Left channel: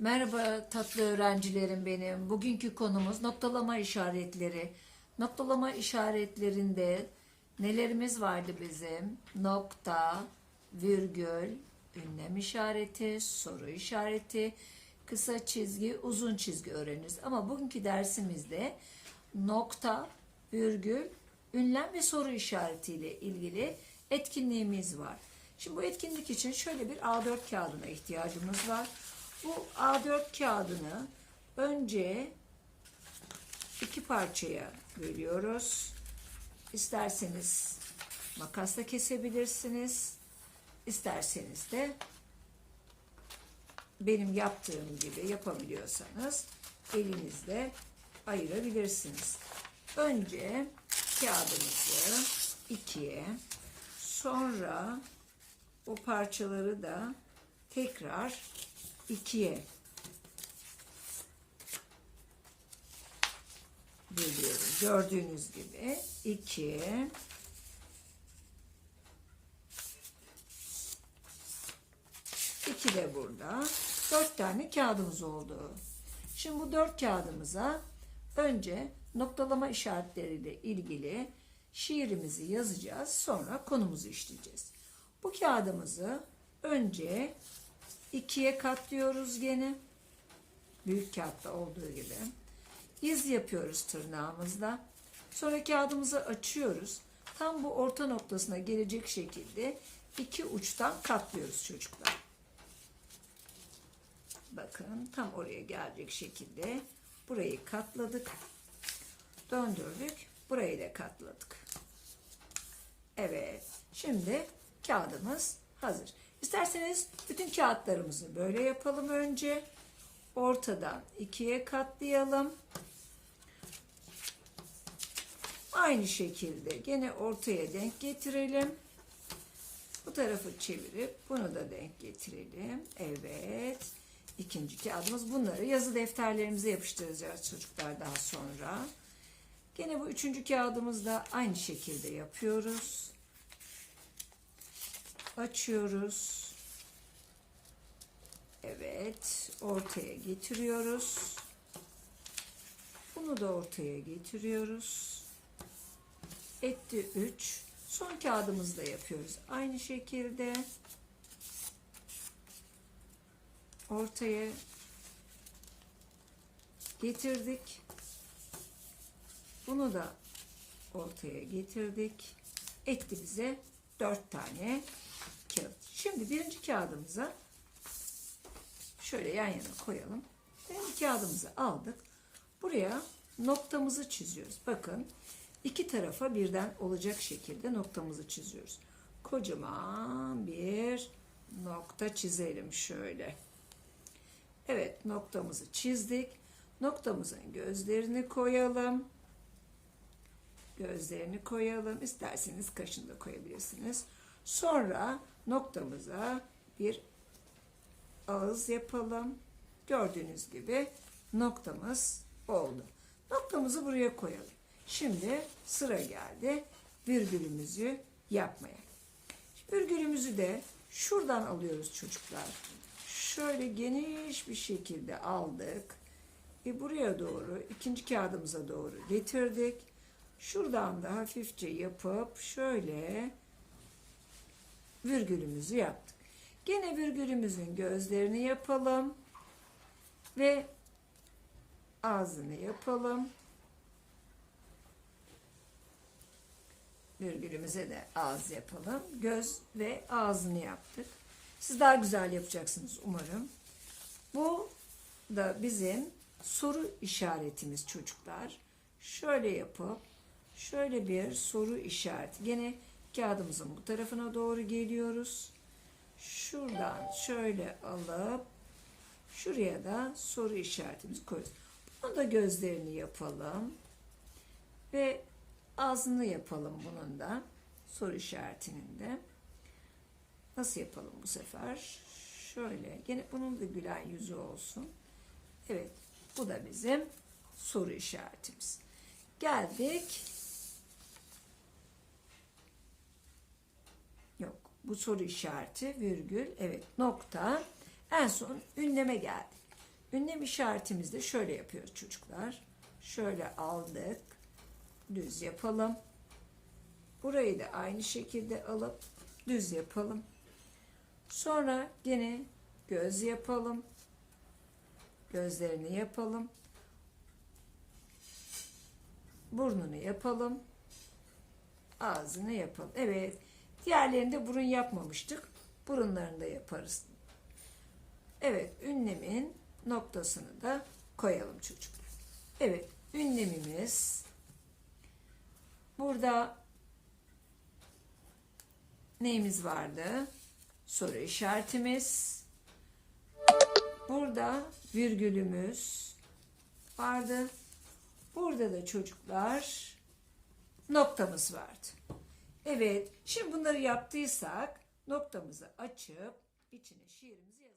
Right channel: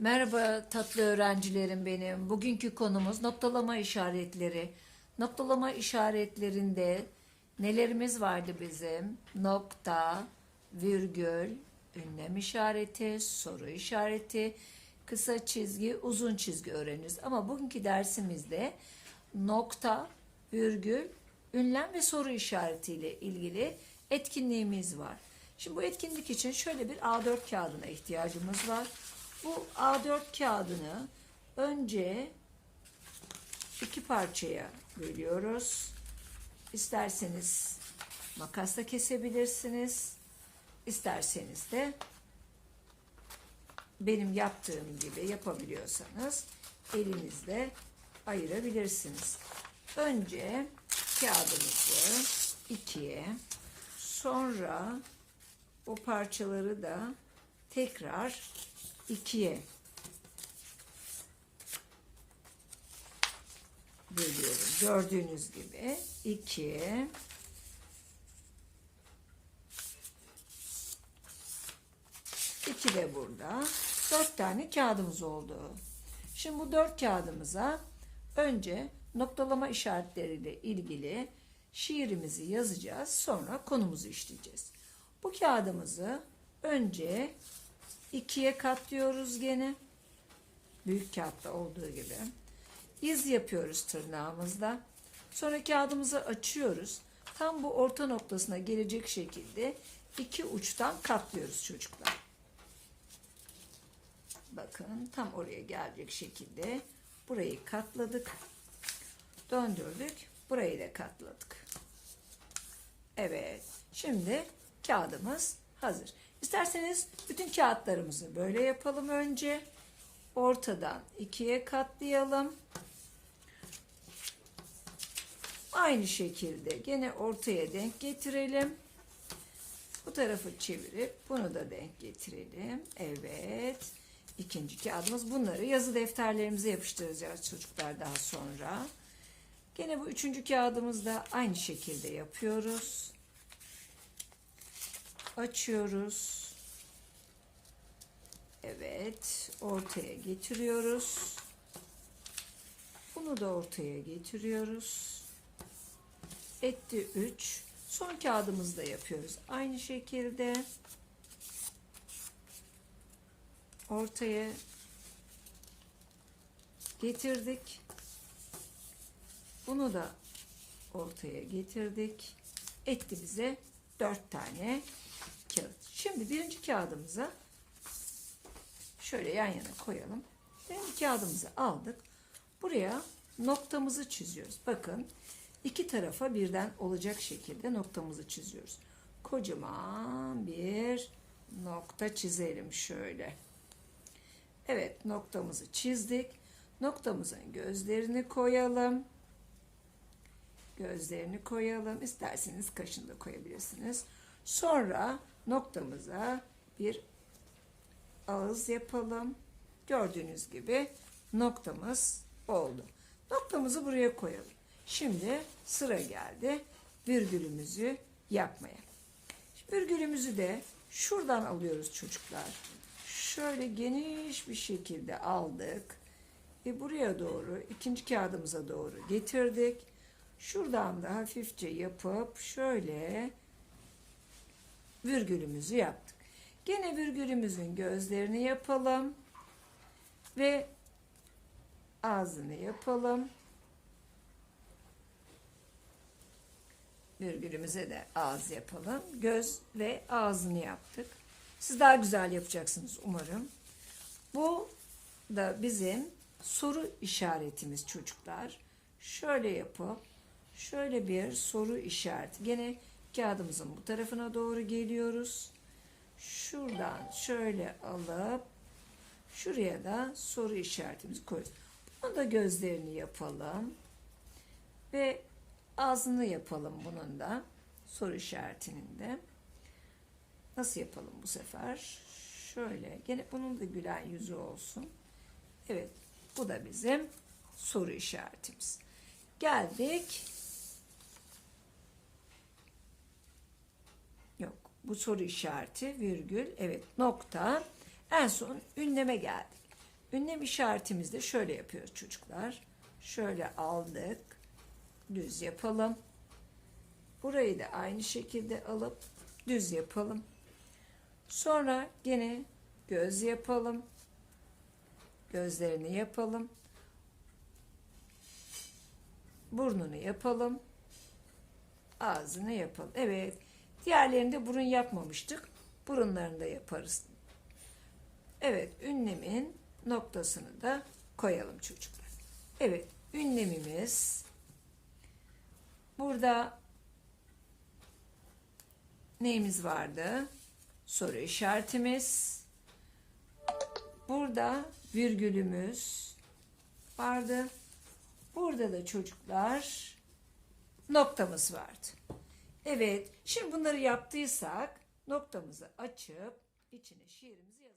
Merhaba tatlı öğrencilerim benim. Bugünkü konumuz noktalama işaretleri. Noktalama işaretlerinde nelerimiz vardı bizim? Nokta, virgül, ünlem işareti, soru işareti, kısa çizgi, uzun çizgi öğreniriz. Ama bugünkü dersimizde nokta, virgül, ünlem ve soru işaretiyle ilgili etkinliğimiz var. Şimdi bu etkinlik için şöyle bir A4 kağıdına ihtiyacımız var. Bu A4 kağıdını önce iki parçaya bölüyoruz. İsterseniz makasla kesebilirsiniz. İsterseniz de benim yaptığım gibi yapabiliyorsanız elinizle ayırabilirsiniz. Önce kağıdımızı ikiye sonra o parçaları da tekrar ikiye bölüyorum. Gördüğünüz gibi iki iki de burada. Dört tane kağıdımız oldu. Şimdi bu dört kağıdımıza önce noktalama işaretleriyle ilgili şiirimizi yazacağız. Sonra konumuzu işleyeceğiz. Bu kağıdımızı önce ikiye katlıyoruz gene. Büyük kağıtta olduğu gibi. İz yapıyoruz tırnağımızla. Sonra kağıdımızı açıyoruz. Tam bu orta noktasına gelecek şekilde iki uçtan katlıyoruz çocuklar. Bakın tam oraya gelecek şekilde burayı katladık. Döndürdük. Burayı da katladık. Evet. Şimdi kağıdımız hazır. İsterseniz bütün kağıtlarımızı böyle yapalım önce. Ortadan ikiye katlayalım. Aynı şekilde gene ortaya denk getirelim. Bu tarafı çevirip bunu da denk getirelim. Evet. İkinci kağıdımız. Bunları yazı defterlerimize yapıştıracağız çocuklar daha sonra. Gene bu üçüncü kağıdımızda aynı şekilde yapıyoruz. Açıyoruz. Evet. Ortaya getiriyoruz. Bunu da ortaya getiriyoruz. Etti 3. Son kağıdımızda yapıyoruz. Aynı şekilde ortaya getirdik. Bunu da ortaya getirdik. Etti bize 4 tane kağıt. Şimdi birinci kağıdımıza şöyle yan yana koyalım. Birinci kağıdımızı aldık. Buraya noktamızı çiziyoruz. Bakın iki tarafa birden olacak şekilde noktamızı çiziyoruz. Kocaman bir nokta çizelim şöyle. Evet noktamızı çizdik. Noktamızın gözlerini koyalım. Gözlerini koyalım. İsterseniz kaşını da koyabilirsiniz. Sonra noktamıza bir ağız yapalım. Gördüğünüz gibi noktamız oldu. Noktamızı buraya koyalım. Şimdi sıra geldi virgülümüzü yapmaya. Virgülümüzü de şuradan alıyoruz çocuklar. Şöyle geniş bir şekilde aldık. Ve buraya doğru ikinci kağıdımıza doğru getirdik. Şuradan da hafifçe yapıp şöyle virgülümüzü yaptık. Gene virgülümüzün gözlerini yapalım ve ağzını yapalım. Virgülümüze de ağız yapalım. Göz ve ağzını yaptık. Siz daha güzel yapacaksınız umarım. Bu da bizim soru işaretimiz çocuklar. Şöyle yapıp şöyle bir soru işareti. Gene kağıdımızın bu tarafına doğru geliyoruz. Şuradan şöyle alıp şuraya da soru işaretimizi koyuyoruz. Bunu da gözlerini yapalım. Ve ağzını yapalım bunun da. Soru işaretinin de. Nasıl yapalım bu sefer? Şöyle. Gene bunun da gülen yüzü olsun. Evet. Bu da bizim soru işaretimiz. Geldik. Bu soru işareti virgül. Evet. Nokta. En son ünleme geldik. ünlem işaretimizde şöyle yapıyoruz çocuklar. Şöyle aldık. Düz yapalım. Burayı da aynı şekilde alıp düz yapalım. Sonra gene göz yapalım. Gözlerini yapalım. Burnunu yapalım. Ağzını yapalım. Evet. Diğerlerinde burun yapmamıştık. Burunlarını da yaparız. Evet. Ünlemin noktasını da koyalım çocuklar. Evet. Ünlemimiz burada neyimiz vardı? Soru işaretimiz. Burada virgülümüz vardı. Burada da çocuklar noktamız vardı. Evet, şimdi bunları yaptıysak noktamızı açıp içine şiirimizi